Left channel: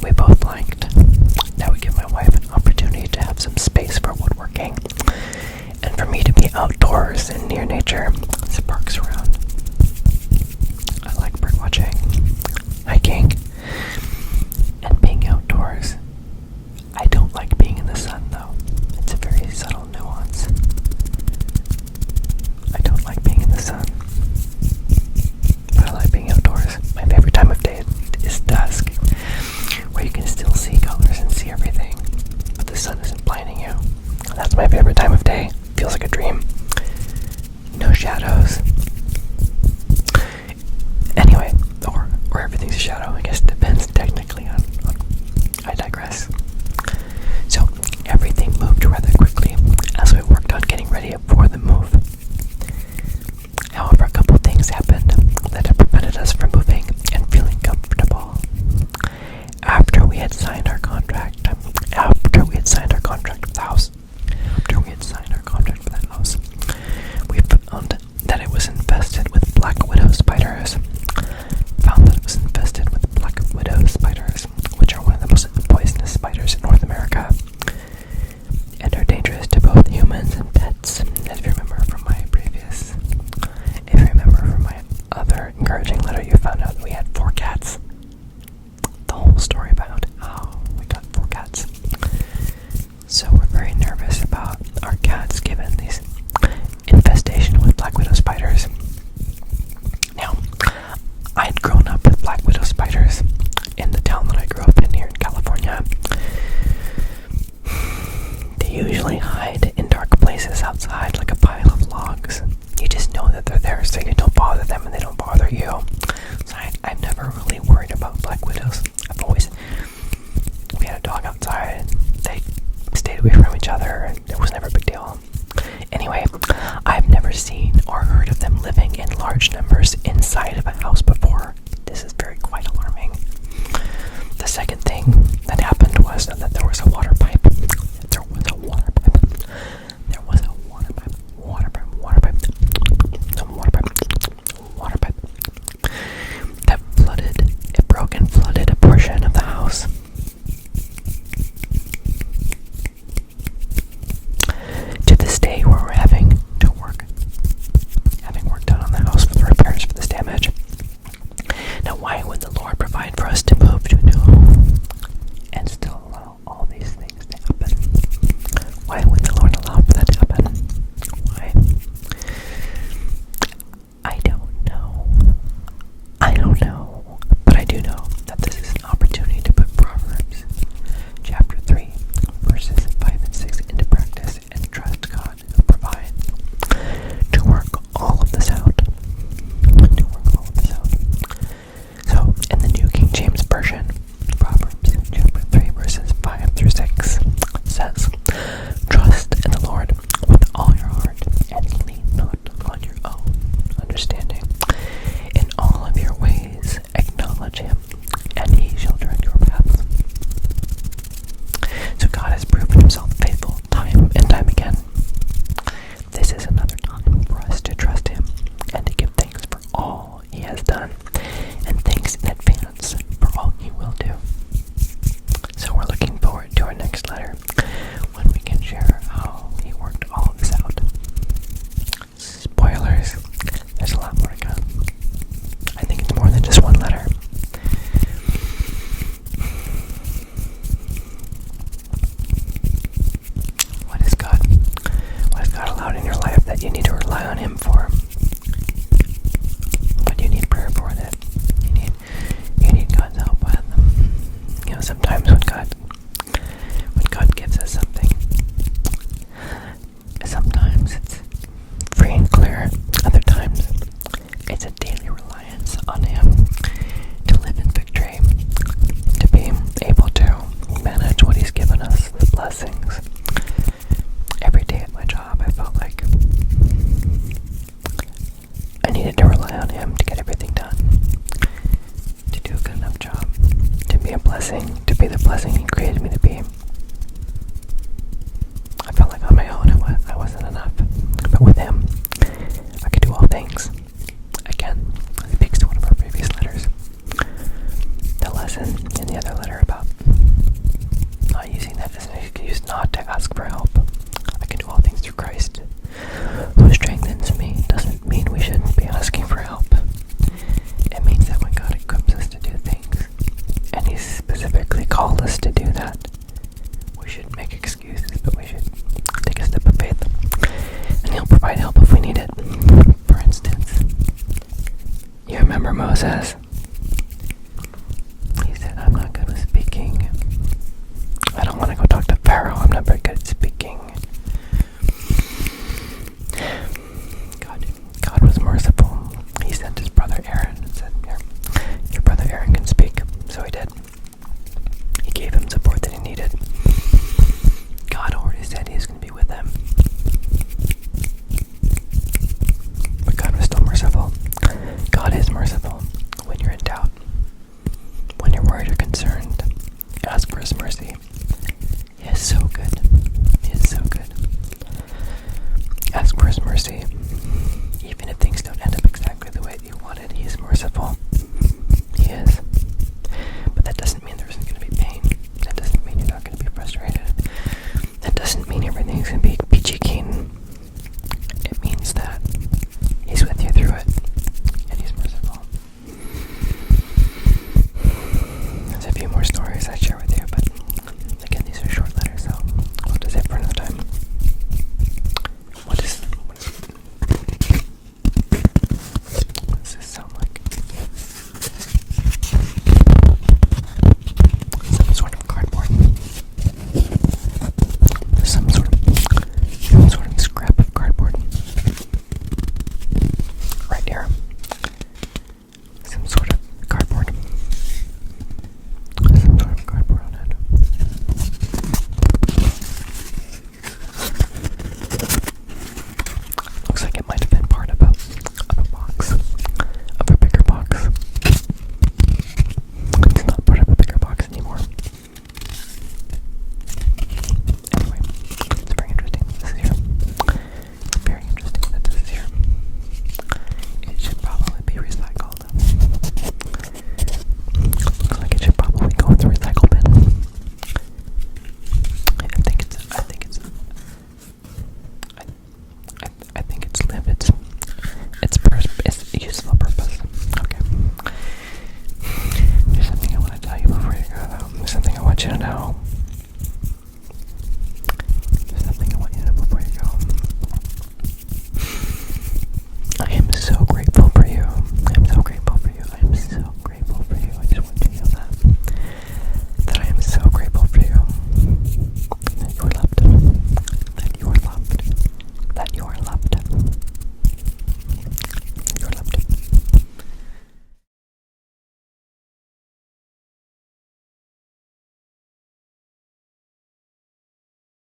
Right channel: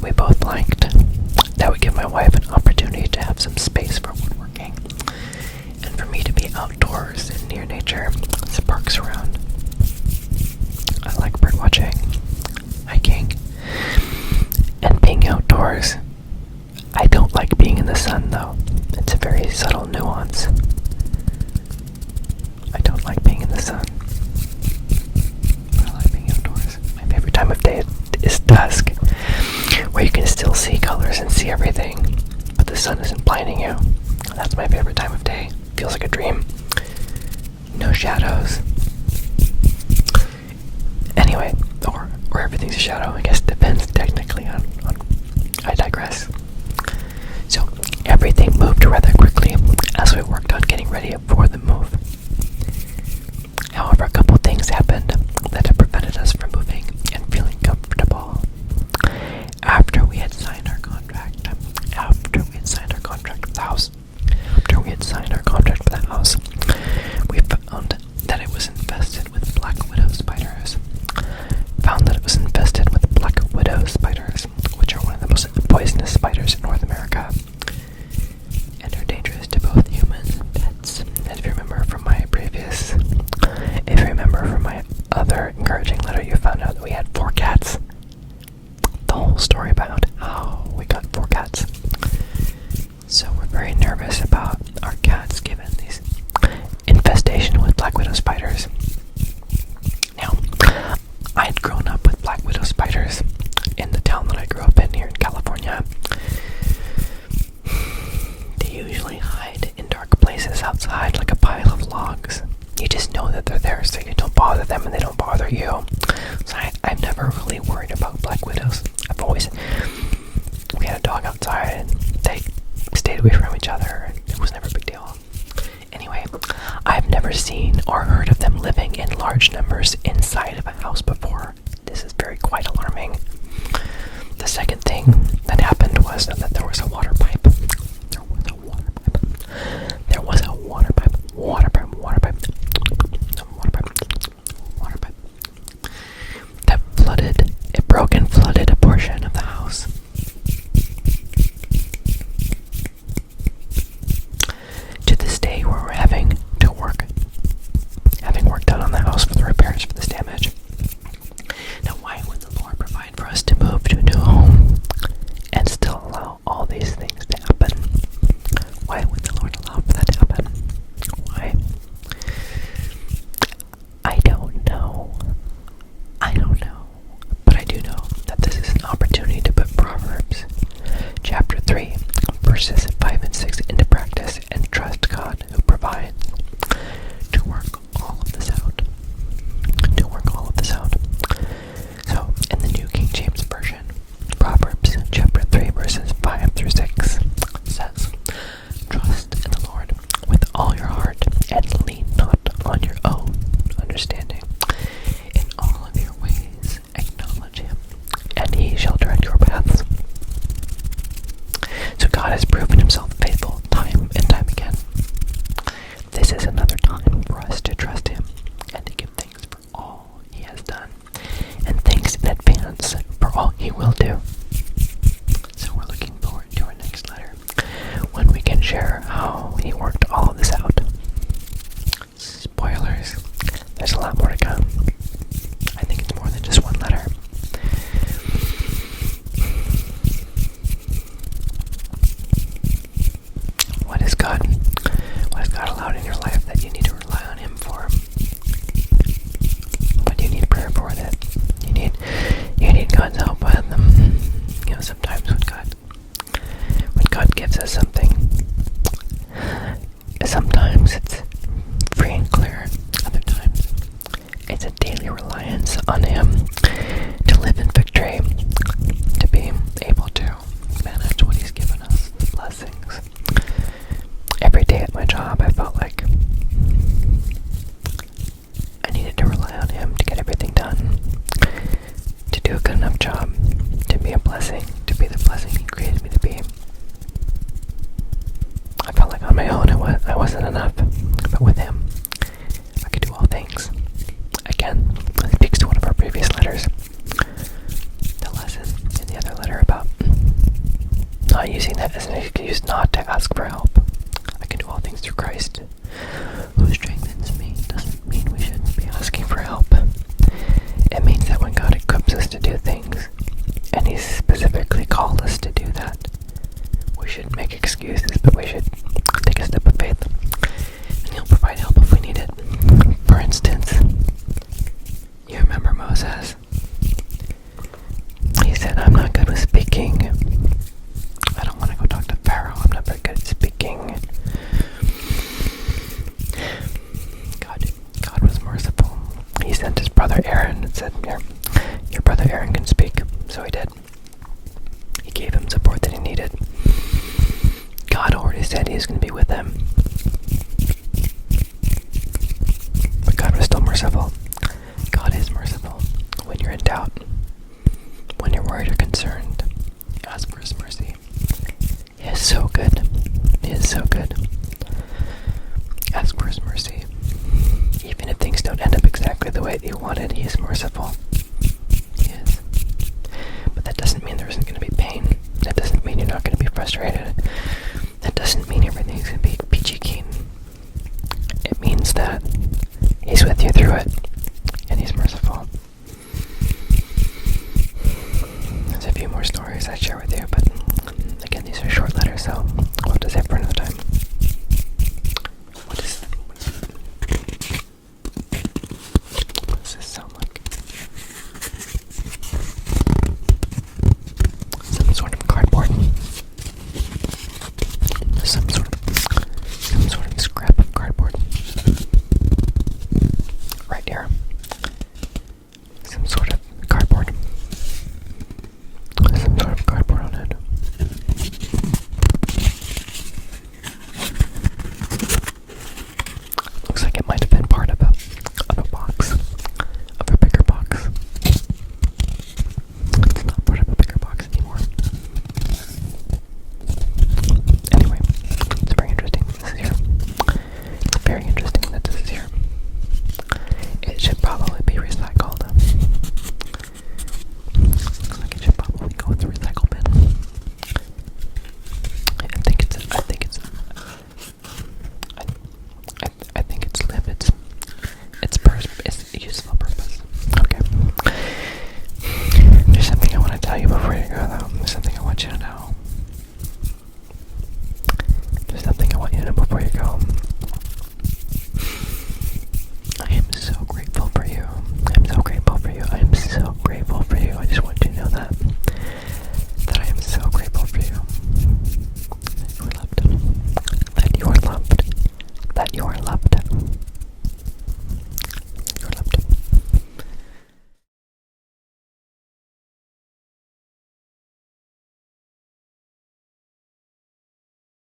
that we both liked. That would give my wife an opportunity to have some space for woodworking, and for me to be outdoors and near nature, with parks around. I like bird watching, hiking, and being outdoors. I don't like being in the sun, though. It's a very subtle nuance. I don't like being in the sun, but I like being outdoors. My favorite time of day is dusk, where you can still see colors and see everything, but the sun isn't blinding you. That's my favorite time of day. Feels like a dream. No shadows. Anyway, or everything's a shadow. I guess it depends technically on I digress. So everything moved rather quickly as we worked on getting ready for the move. However, a couple things happened that have prevented us from moving and feeling comfortable. After we had signed our contract for the house, we found that it was infested with black widow spiders. Which are one of the most poisonous spiders in North America, and are dangerous to both humans and pets. If you remember from my other encouraging letter, you found out that we had 4 cats. The whole story about how we got 4 cats. So we're very nervous about our cats given these infestation with black widow spiders. Now, I had grown up with black widow spiders in the town that I grew up in here in California. They usually hide in dark places outside, like a pile of logs. You just know that they're there, so you don't bother them and they don't bother you. So I've never really worried about black widows. We had a dog outside and they stayed away from each other, and it was never a big deal. Anyway, I've never seen or heard of them living in large numbers inside of a house before. This is quite alarming. The second thing that happened was that there was a water pipe. That broke and flooded a portion of the house. To this day, where we're having work done on the house for the repairs for this damage. Now, why would the Lord provide for us to move to a new home and still allow all these things to happen? Why would the Lord allow for that to happen? Why? I don't know. But I do know that this is an opportunity to put Proverbs chapter 3, verses 5 and 6 into practice and trust God who provides to work all of this out. So, in the New King James Version, Proverbs chapter 3, verses 5 through 6 says, "Trust in the Lord with all your heart, and lean not on your own understanding. In all of your ways acknowledge him, and he shall direct your paths." So God has proven himself faithful time and time again. This is another time for us to trust him and to give thanks for all he has done, and thanks in advance for all he will do. So we're looking forward to our next letter, when we can share how he worked all of this out. Spoilers, there's a lot more to come. I think it's more than just one letter. What has God allowed in your life that you need to rely on him for? What do you need prayer for that you need God's help with? Sometimes when God gives us something, sometimes it's free and clear. Other times it's a daily reliance on him to live in victory, to be able to manage what he's given us, the blessings. Every day at my job, I felt like I needed to rely on him to get everything done, to do a good enough job, to be a blessing, to be the blessing he created me to be. I felt like on my own I wasn't enough, but with him, I could do all things. Again, it speaks to one of our previous letters, the lesson in the other letter about Remember Moses? He said, I'm not good with speaking. I don't want to go talk to Pharaoh. I'm not very good at speaking. God was merciful. He sent his brother Aaron and said, here, your brother Aaron can speak. So he did. He gave him support that he needed. God already said he was going to be with him. But God was still merciful. God is merciful. When you're in doubt, when you're worried or concerned, ask for his mercy. He is so good. He is so good. Ask for his mercy. Even if things don't end up exactly the way that you wanted, he is merciful. He is. But that doesn't mean there isn't going to be pain. That doesn't mean you're not going to be frustrated. That doesn't mean everything's going to be peachy keen. It means that he's with you through it, and he's merciful. There's a few more stories I'd share with you, but